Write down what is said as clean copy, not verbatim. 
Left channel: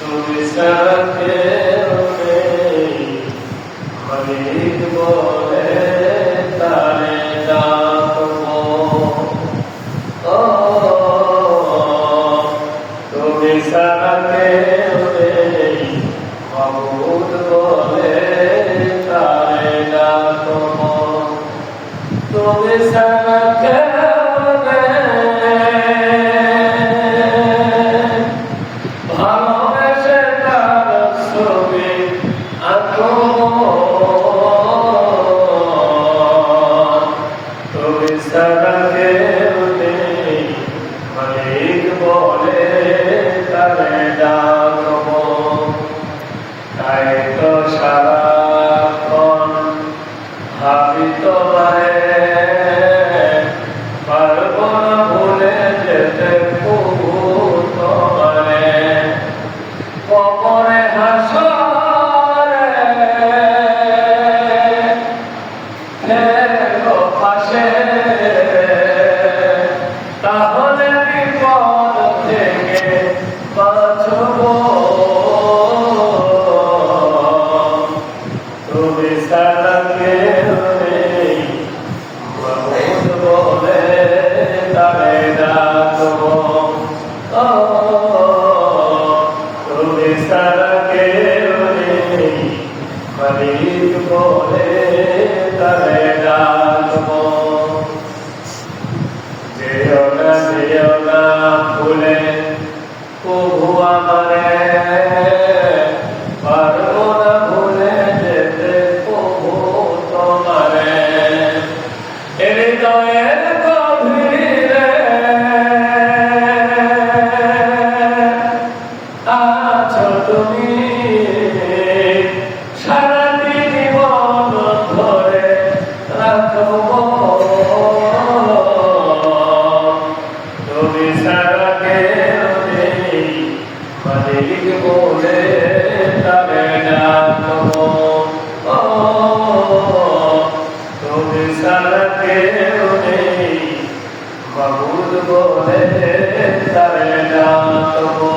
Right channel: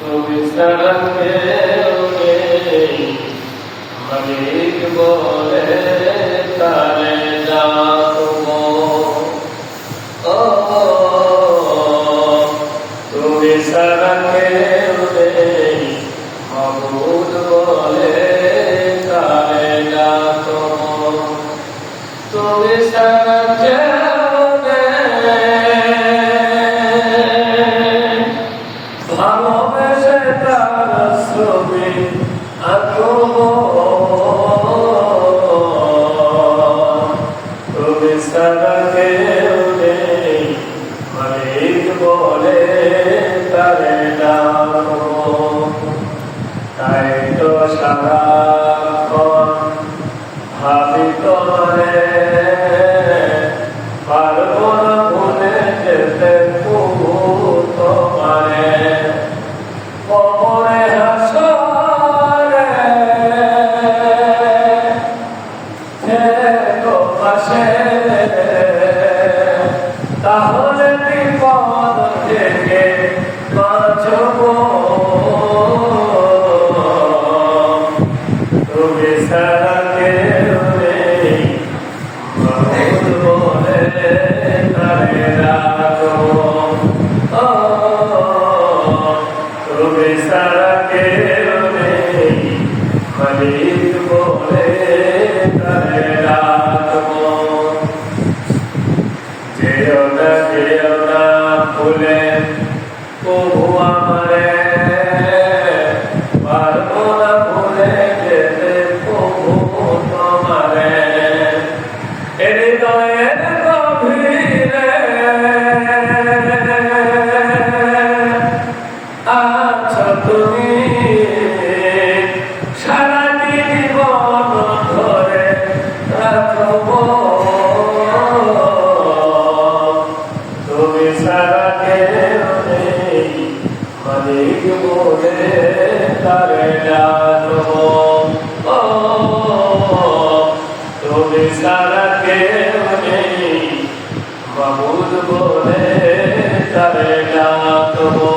তুমি ছাড়া কেউ নেই, মালিক বলে তারে ডাকবো। ও তুমি ছাড়া কেউ নেই, মাবুদ বলে তারে ডাকবো। তুমি ছাড়া কেউ নেই, ভালোবেসে তার ছবি আঁকবো। তুমি ছাড়া কেউ নেই, মালিক বলে তারে ডাকবো। তাই তো সারাক্ষণ ভাবি তোমারে, পারবো না ভুলে যেতে প্রভু তোমারে। কবরে হাসরে থেকো পাশে, তাহলে বিপদ থেকে বাঁচবো। তুমি ছাড়া কেউ নেই, মাবুদ বলে তারে ডাকবো। ও তুমি ছাড়া কেউ নেই, মালিক বলে তারে ডাকবো। যেও না ভুলে প্রভু আমারে, পারবো না ভুলে যেতে প্রভু তোমারে। হৃদয়ের গভীরে আছো তুমি, সারাটি জীবন ধরে রাখবো। তুমি ছাড়া কেউ নেই, মালিক বলে তারে ডাকবো। ও তুমি ছাড়া কেউ নেই, মাবুদ বলে তারে ডাকবো।